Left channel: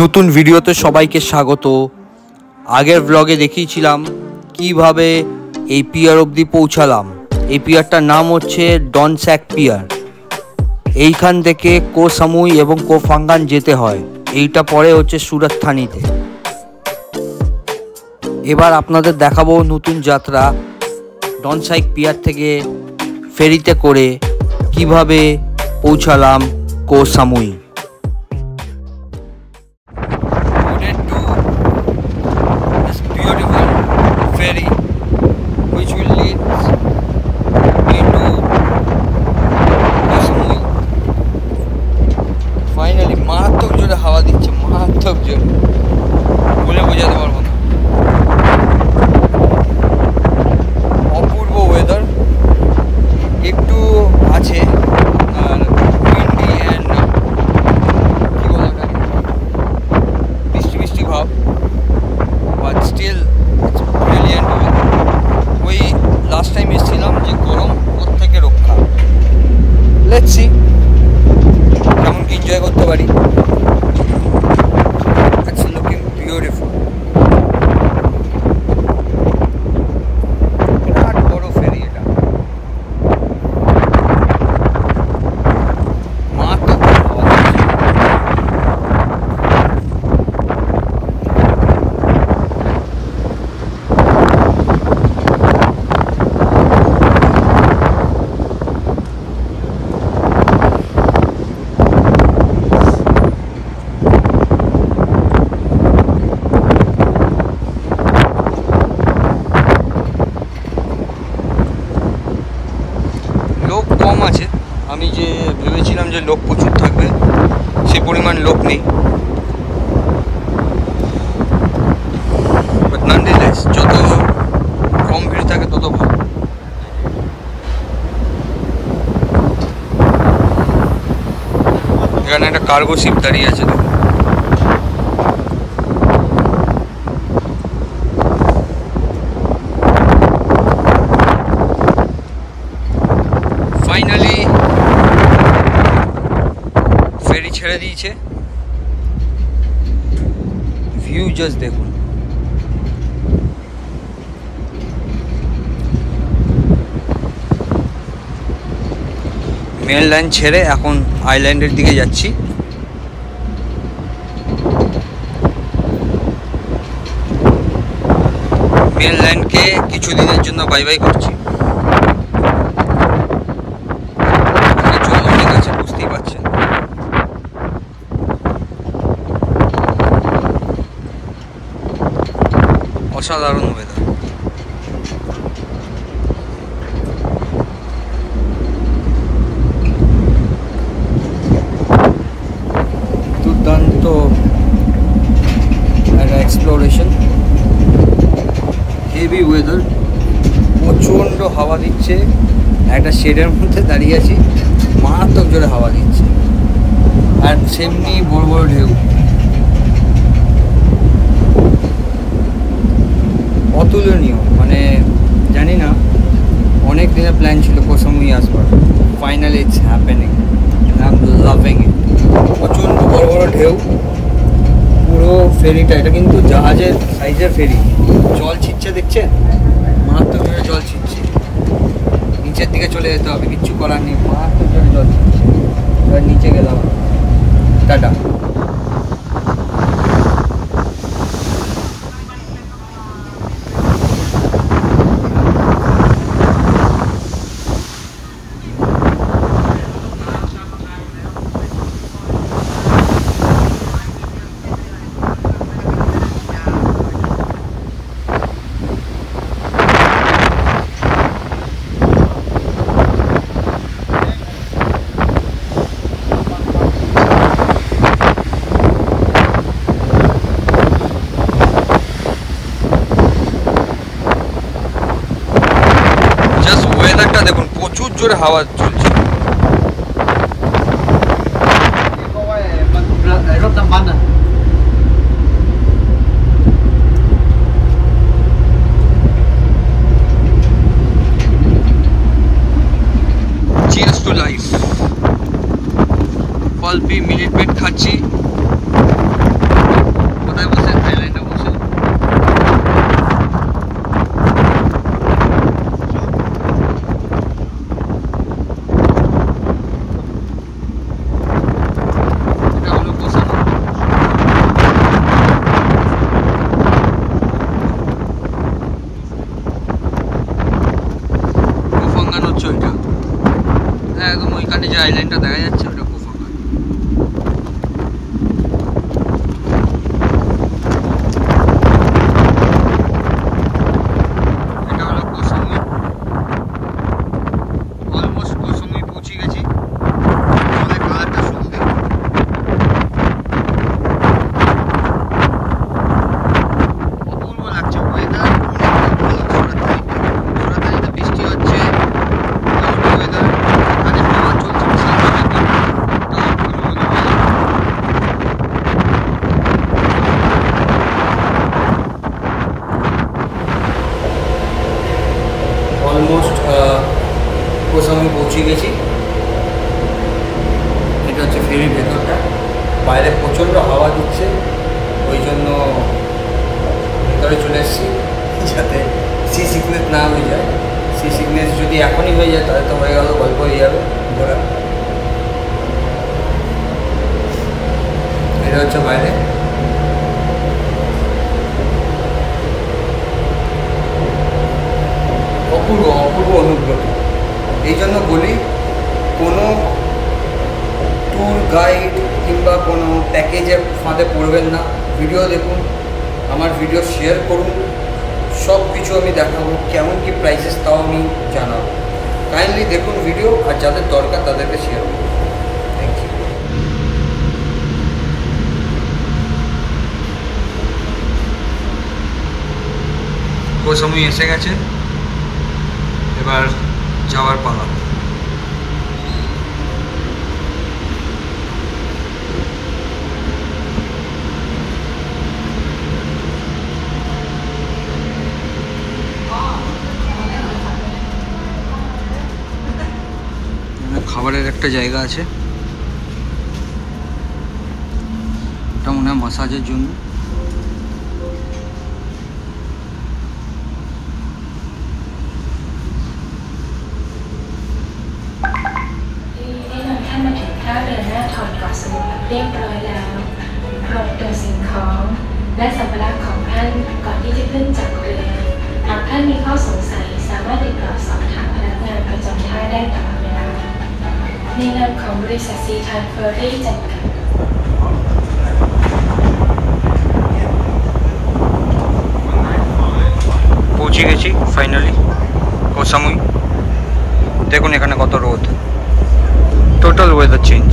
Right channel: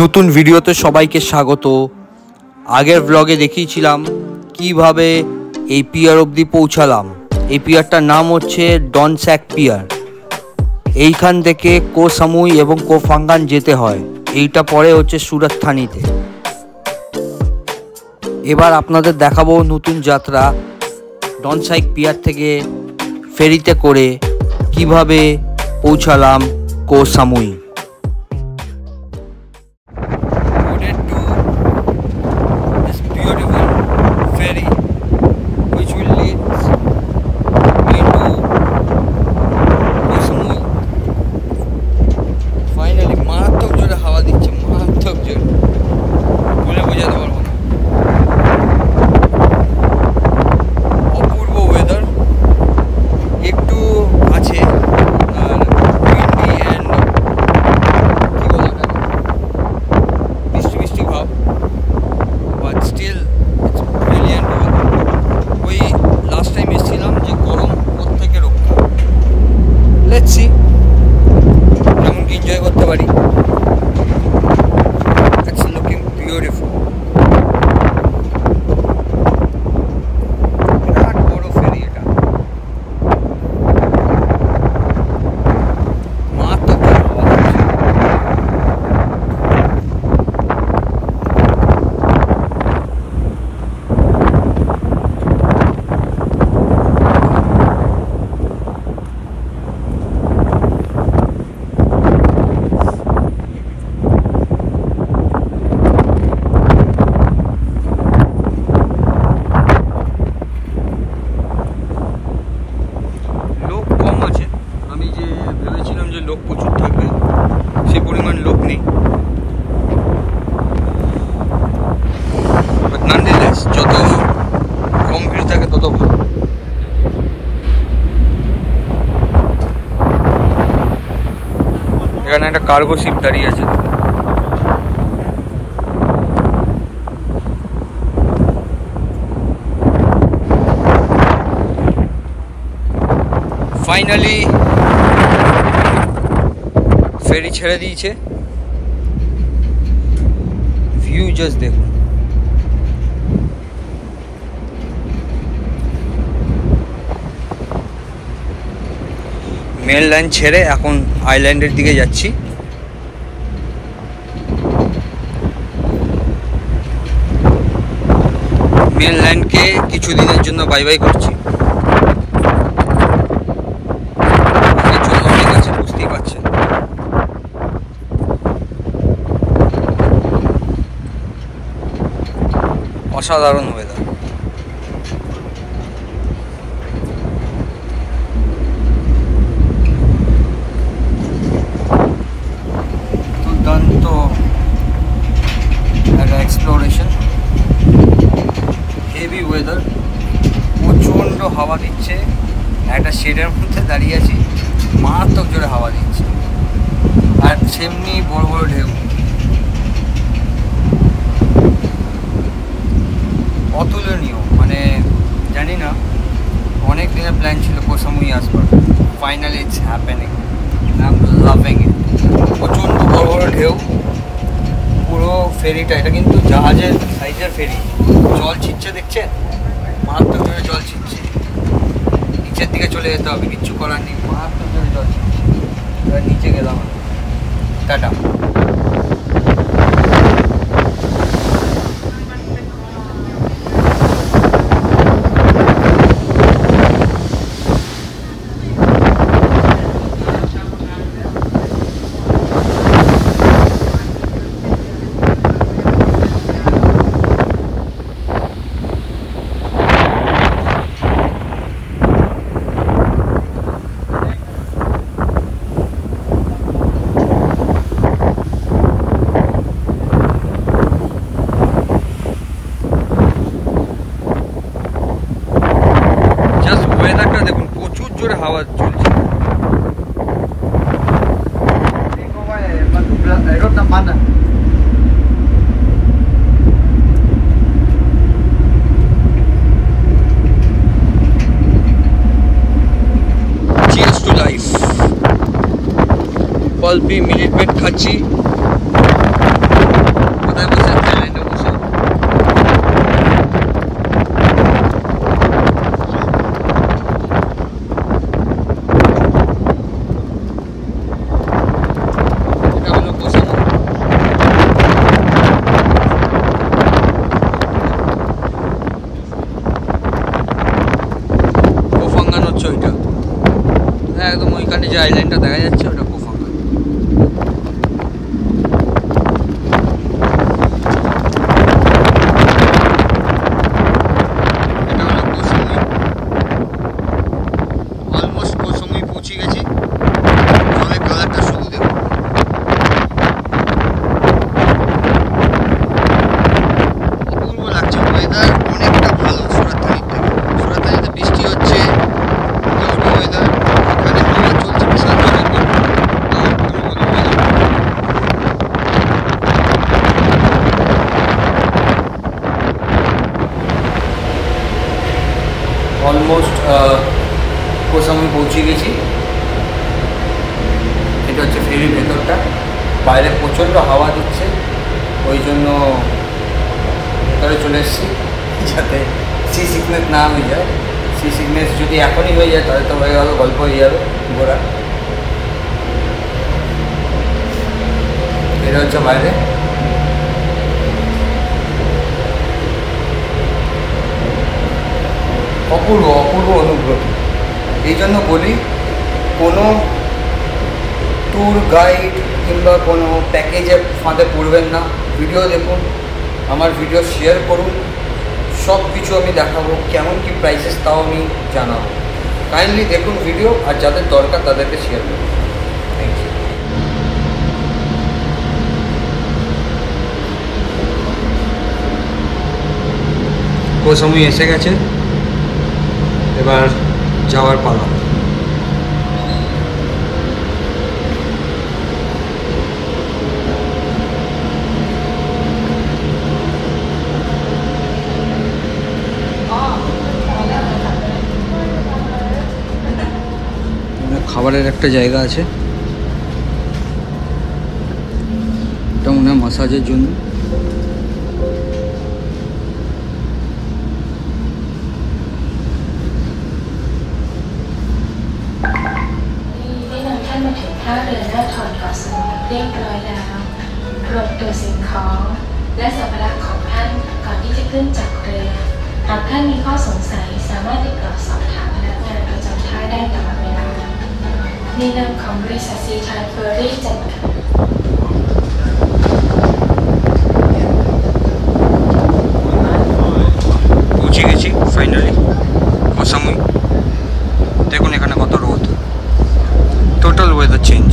নতুন ভিডিওতে সবাইকে স্বাগত। আগের ব্লগে দেখিয়েছিলাম কিভাবে এই পিয়ার অবধি পৌঁছালাম। এই পিয়ারটার নাম হচ্ছে ডনস্যাক পিয়ার। এইখান থেকে কো সামুই এবং কো ফাঙ্গান যেতে হয়। এইটা পরে হচ্ছে সুরাত থানিতে। এবার আপনাদের দেখাবো নতুন যাত্রা ডনস্যাক পিয়ার থেকে ফেরিতে করে কিভাবে পৌঁছালাম কো Samui. Beautiful ferry which will lead me to Koh Samui. Finally মারাত্মক জোরে হাওয়া দিচ্ছে, মারাত্মক জোরে, বলে বোঝাতে পারবো না। অপূর্ব ওয়েদার একটু আছে আর উইন্ডি অ্যান্ড বৃষ্টি বৃষ্টি ভাব, but still it's brilliant. ওই লাস্ট টাইম এসেছিলাম যে গরম ওর থেকে রক্ষা। লেটস সি কেমন কি এনজয় করতে পারি। It's looking beautiful. বিরাট বড় ফেরি এটা, মারাত্মক লোক কম আছে। আমি যে ভেবেছিলাম যে লোক প্রচুর থাকবে সেই পরিমাণ লোক নেই। বাট ননডিলেস যত কম ভিড় থাকে তত ভালো। এখানে একটা কার্গো শিপ দাঁড়িয়ে আছে। ফাইনালি ফেরি ছেড়ে দিয়েছে। ভিউ জাস্ট দেখুন। মেন লাইন ছেড়ে এখন আইল্যান্ডের দিকে যাচ্ছি। মেন লাইনকে কিছুদিনের জন্য বাই বাই করছি। অসাধারণ ওয়েদার। দুর্দান্ত একটা এক্সপ্লোরেশন। হেভি ওয়েদার, প্রচণ্ড হাওয়া দিচ্ছে। একটা শেডের মধ্যে দাঁড়িয়ে আছি, মারাত্মক জোরে হাওয়া দিচ্ছে আর সেমনি বড় বড় ঢেউ। অতুলনীয়, মানে জানি না, অনেক দিনের প্ল্যান ছিল কো সামুই আসবার। Finally it's happening and I am loving it. প্রচণ্ড বড় বড় ঢেউ। পুরো ফেরিটা, এটা কিন্তু জাহাজের সাইজের ফেরি। জল ছিটছে দেখছেন, মারাত্মক জোরে জল ছিটছে। নিচের দিকে চলে যেতে হবে, কিচ্ছু করার নেই, মারাত্মক জোরে জল ছিটছে। এবার নিচে গেলাম। টাটা। ওয়েদারটা দেখুন, প্রচুর জোরে হাওয়া চলছে। Cheers to life। Pulpy minute made খাচ্ছি। আইল্যান্ডটা দেখা যাচ্ছে ওটা কোফাঙ্গান। এটা হলো কোসমুই, অলমোস্ট কোসমুই পৌঁছে গেছি। জলের কালারটা শুধু দেখুন, অপূর্ব লাগছে। ওয়েদার অনেকটা ভালো সুরাতহানির থেকে। সুরাতহানিতে বৃষ্টি হচ্ছে, ক্লাউডি ওয়েদার, এখানে হাওয়া চলছে বিশাল জলের পর। অলমোস্ট কোসামুই পৌঁছে গেছি। এটা হচ্ছে ফেরির ভেতরটা। বাইরে প্রচণ্ড হাওয়া দিচ্ছে, ওই জন্য ভেতরে চলে এসেছি যাতে সি সিকনেস না হয়ে যায়। সি সিকনেস যদি এখনই হয়ে যায় তাহলে তো হয়ে গেল, গল্প হয়ে যাবে ঘোরা। এটা হচ্ছে বাইরে। অপূর্ব অপূর্ব অনুগ্রহ। এই জন্য বলি, কোনো ট্যুর গাইড কিংবা কোনো প্যাকেজে ফাঁদে পড়বেন না। ভিডিও দেখুন, আমার ভিডিও শেয়ার করুন, সব কিছু আমি দেখাবো, কেমন কি প্রাইসেস তাও আমি জানাবো। কাইন্ডলি দেখুন ভিডিও, আর যাদের দরকার তাদেরকে শেয়ার করুন। Thank you. কোসমুই এসে গেছে, এবার যাওয়ার পালা। খাবারের একটা জায়গা আছে, এটা মনে হয় মাসাজের জন্য।เรียบร้อยแล้วรวมตัวสิ่งของและสัมภาระของท่านก่อนที่จะขึ้นจากเรือหากท่านมีข้อสงสัยสามารถติดต่อสอบถามพนักงานประจำท่าได้ตลอดเวลาในนามของบริษัทซีทานเฟอร์รี่จำกัดপৌঁছে গেছি ফাইনালি কোসামুই। দেখুন এখানে কত রোদ, টোটাল ওয়েদার চেঞ্জ।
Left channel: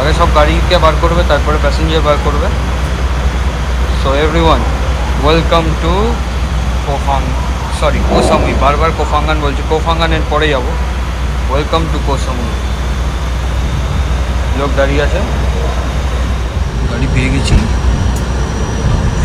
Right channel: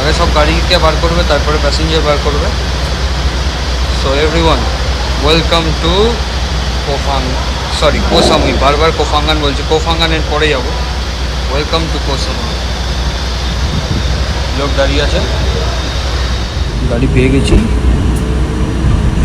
আগে সব গাড়িকে বার করবে, তারপরে প্যাসেঞ্জার বার করবে। So everyone, welcome to Koh Samui. বারবার কোফাঙ্গান বলছি, কোফাঙ্গানের পরে যাব। Welcome to Koh Samui. লোক দাঁড়িয়ে আছে, গাড়ি পেয়ে গেছি।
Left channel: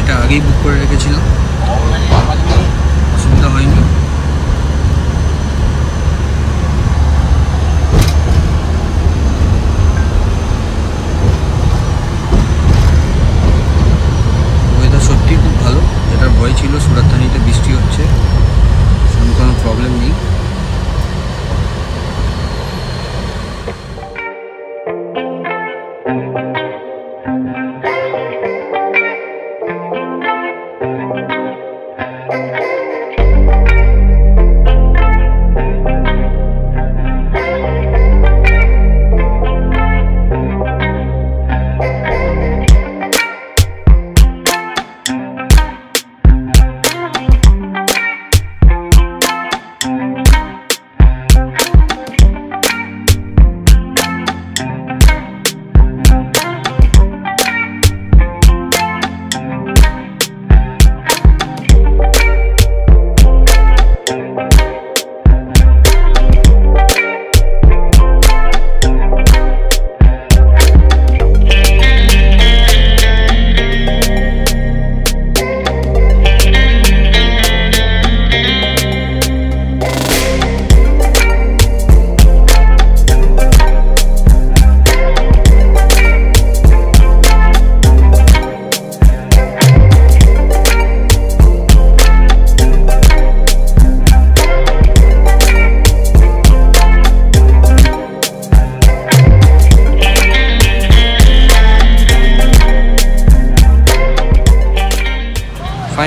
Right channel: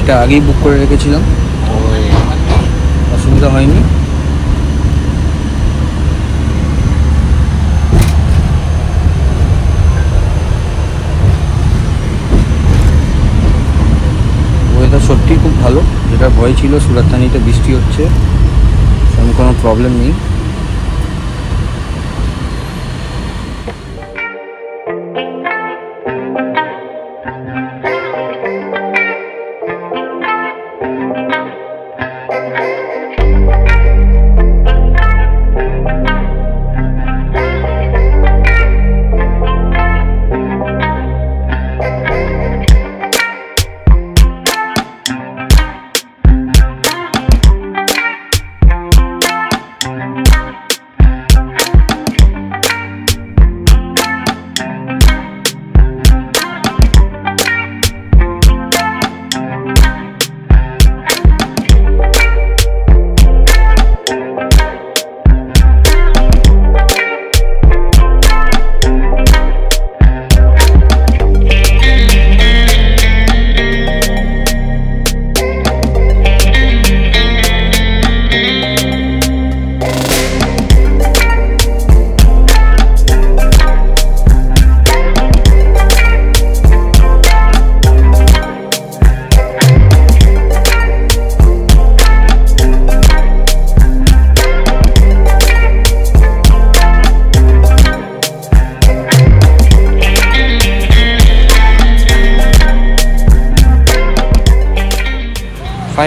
এটা আগেই বুক করে রেখেছিলাম, অসুবিধা হয়নি। ওয়েদার সত্যিই খুব ভালো, যেটা ভয় ছিল সুরাতহানিতে বৃষ্টি হচ্ছে, সেরকম কোনো প্রবলেম নেই।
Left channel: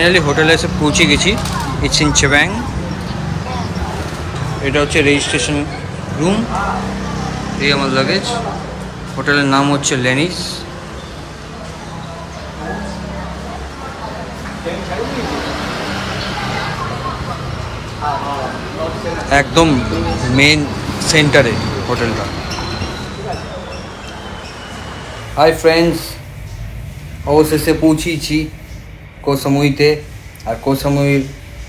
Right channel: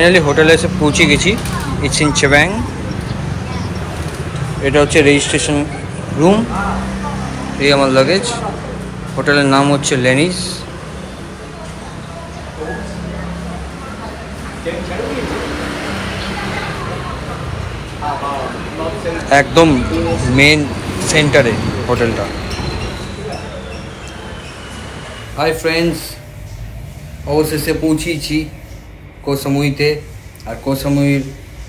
ফাইনালি হোটেলে এসে পৌঁছে গেছি। ইটস ইন চেবাং। এটা হচ্ছে রেজিস্ট্রেশন রুম। এই আমার লাগেজ। হোটেলের নাম হচ্ছে লেনিজ। একদম মেন সেন্টারে হোটেলটা। হাই ফ্রেন্ডস, অবশেষে পৌঁছেছি কোহ সামুইতে। আর কোহ সামুইর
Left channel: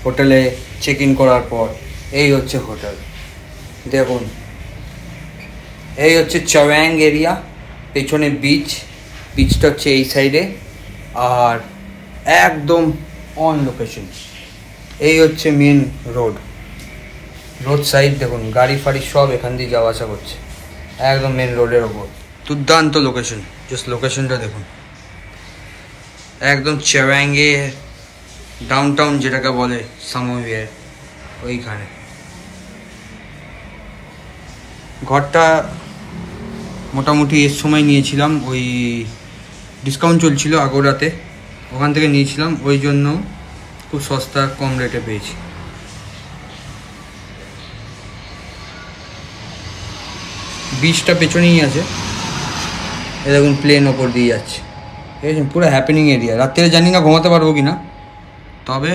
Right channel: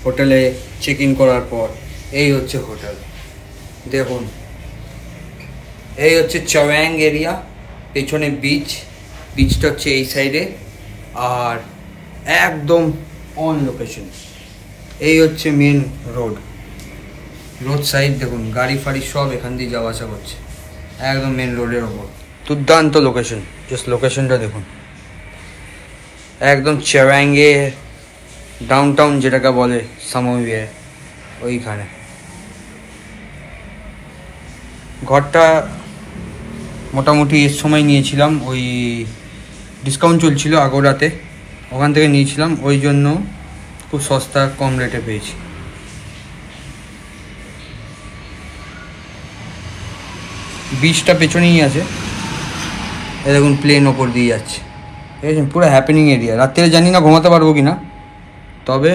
হোটেলে চেক ইন করার পর এই হচ্ছে হোটেল। দেখুন, এই হচ্ছে চেবাং এরিয়া। পেছনে বিচটা হচ্ছে এই সাইডে, আর একদম অন লোকেশন। এই হচ্ছে মেন রোড সাইড। দেখুন গাড়ি ফাড়ি সব এখান দিয়ে যাওয়া আসা করছে, একদম মেন রোডের ওপর। দুর্দান্ত লোকেশন। জাস্ট লোকেশনটা দেখুন, একদম চেবাংয়ে ডাউনটাউন যেটাকে বলে সামুইয়ে, ওইখানে। ঘরটা মোটামুটি এর সময় নিয়েছিলাম, ওই ডিসকাউন্ট চলছিল আগোরাতে, ওখান থেকে নিয়েছিলাম। ওই জন্য খুব সস্তা কম রেটে পেয়েছি। বিচটা পেছনেই আছে। এ দেখুন প্লেন ওপর দিয়ে যাচ্ছে, ঠিক আছে। পুরো হ্যাপেনিং এরিয়া। রাত্রে জানি না ঘুমাতে পারবো কি না, তবে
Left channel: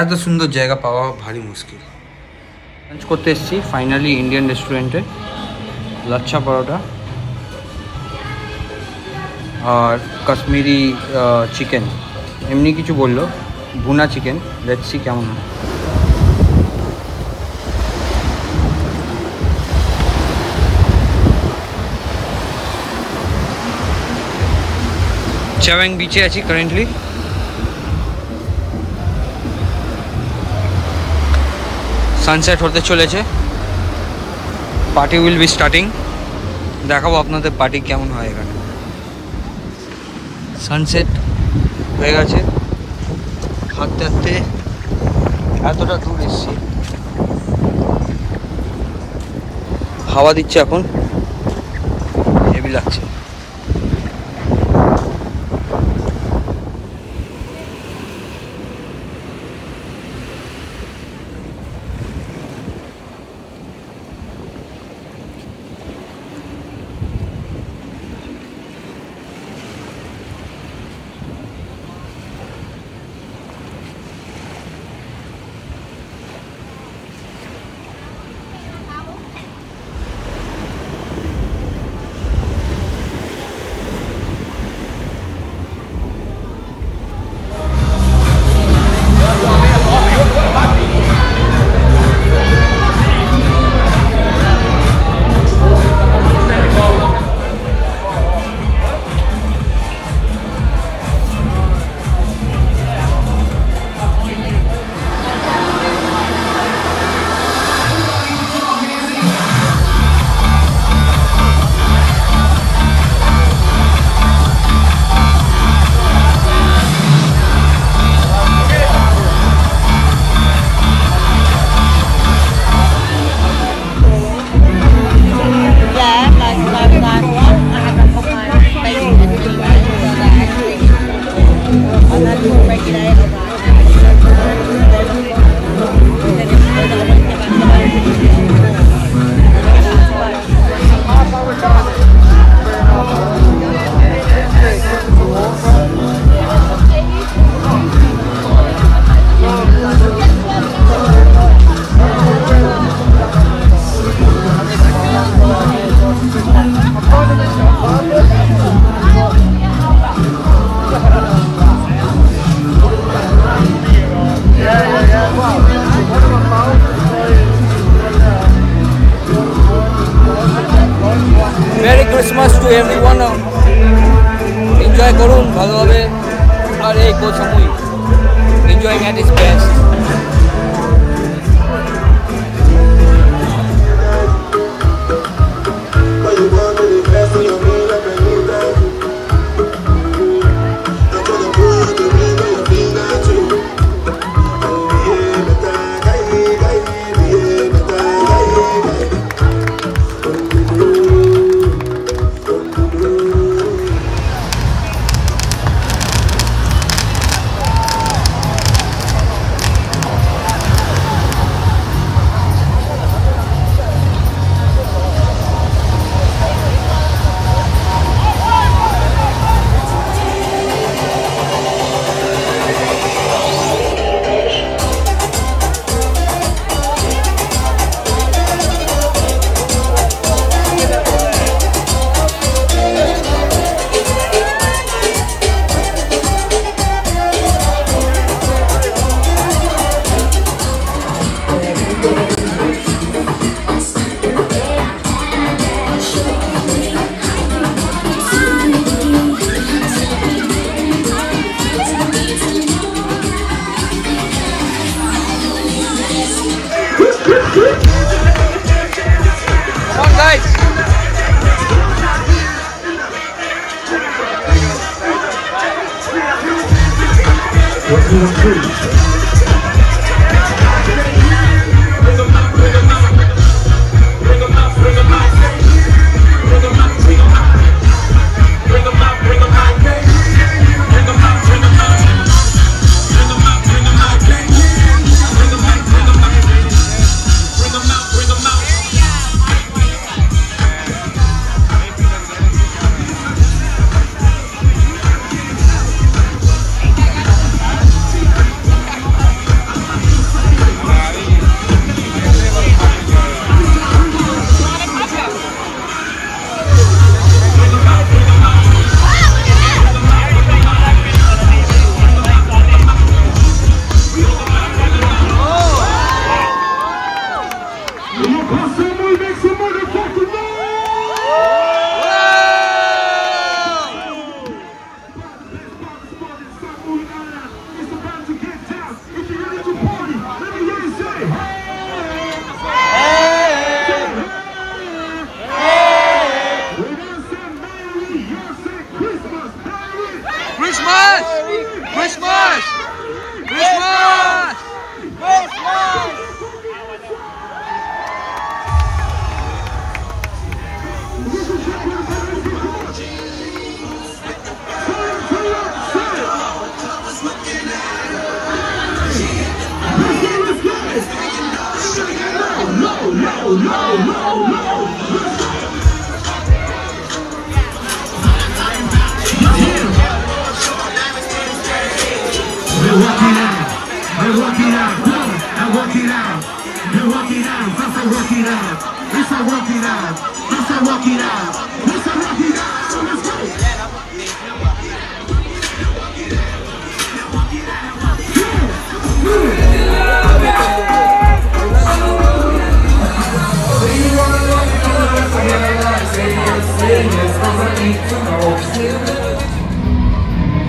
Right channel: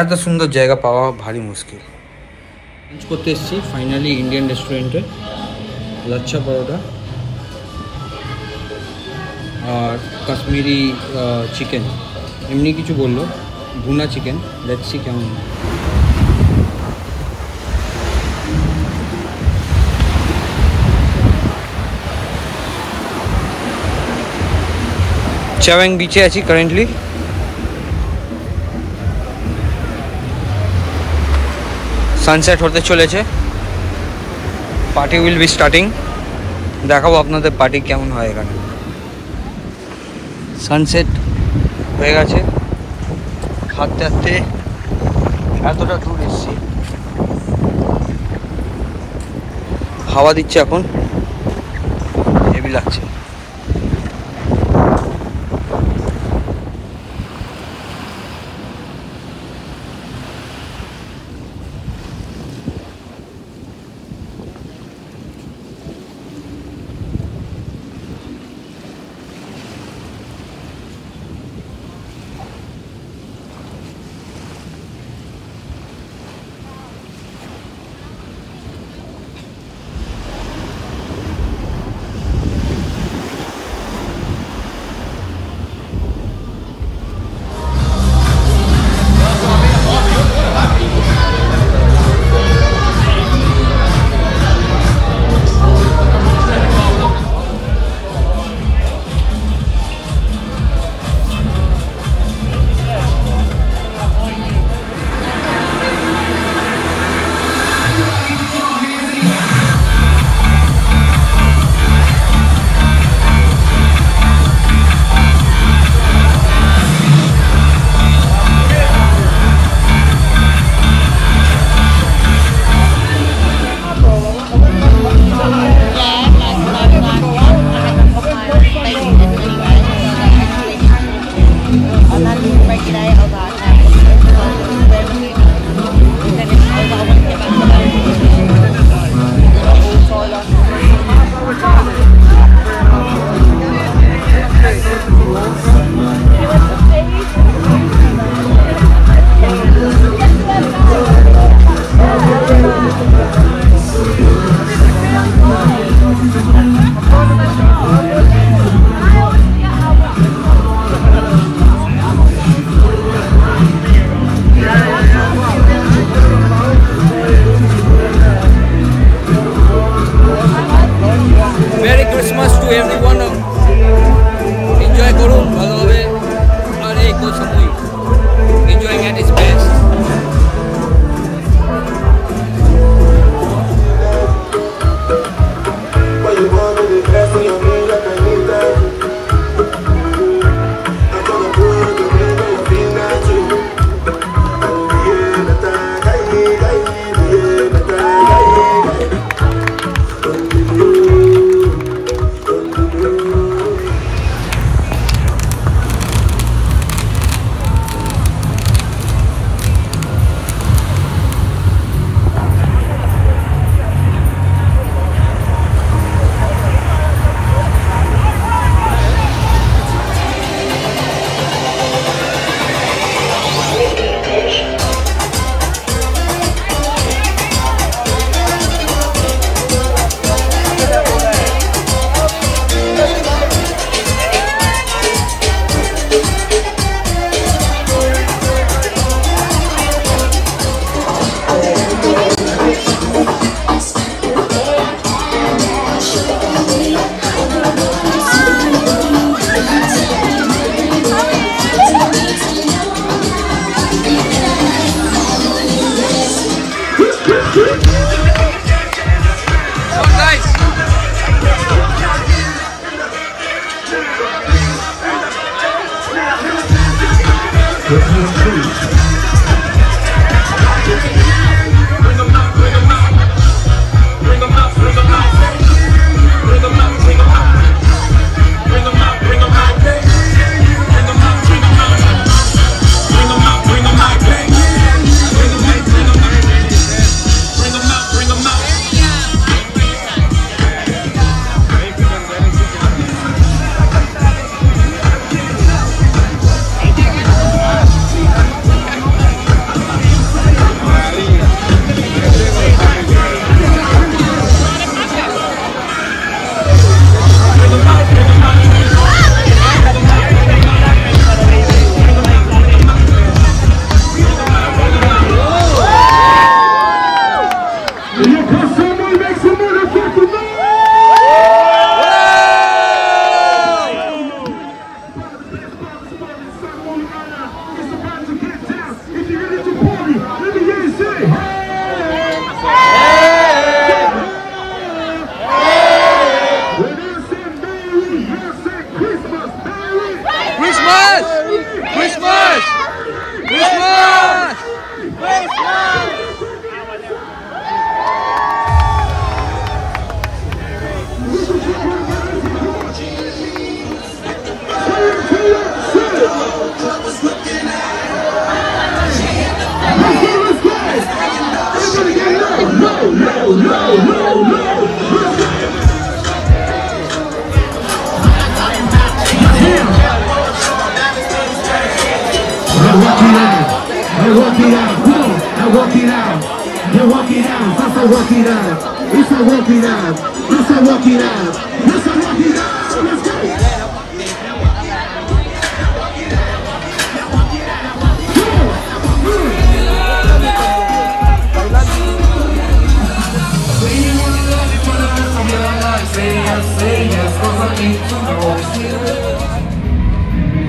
এত সুন্দর জায়গা পাওয়া ভারী মুশকিল। লাঞ্চ করতে এসেছি ফাইনালি ইন্ডিয়ান রেস্টুরেন্টে। লাচ্ছা পরোটা আর কাশ্মীরি চিকেন, এমনি কিছু বললো, ভুনা চিকেন। লেটস সি কেমন। চেবাং বিচে আছি কারেন্টলি। সানসেট হতে চলেছে। Party will be starting. দেখাবো আপনাদের পার্টি কেমন হয় এখানে। সানসেট হয়ে গেছে। হাঁটতে হাঁটতে এতটা দূর এসছি। হাওয়া দিচ্ছে এখন, হেভি লাগছে। Christmas to everyone. Enjoy করুন ভালোভাবে। আর এই কোহ Samui enjoying at its best.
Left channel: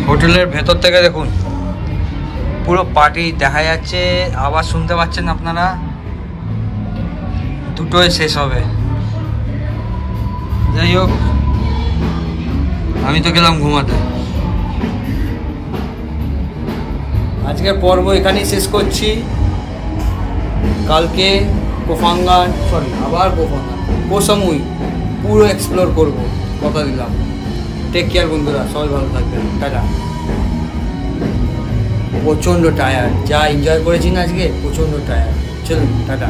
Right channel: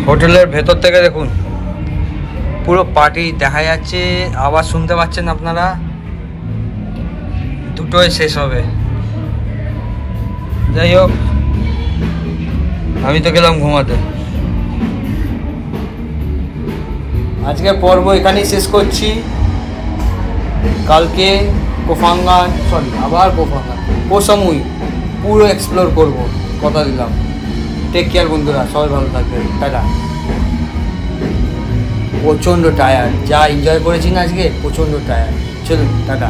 হোটেলের ভেতর থেকে দেখুন পুরো পার্টি দেখা যাচ্ছে, আওয়াজ শুনতে পাচ্ছেন আপনারা, দুটোই শেষ হবে। যাই হোক, আমি তো গেলাম ঘুমাতে। আজকের পর্ব এখানেই শেষ করছি। কালকে কোফাঙ্গান, আবার কোহ সামুই পুরো এক্সপ্লোর করব, কথা দিলাম। টেক কেয়ার বন্ধুরা, সবাই ভালো থাকবেন, টাটা। প্রচণ্ড টায়ার্ড, যা এনজয় করেছি না আজকে, প্রচণ্ড টায়ার্ড। চলুন, টাটা।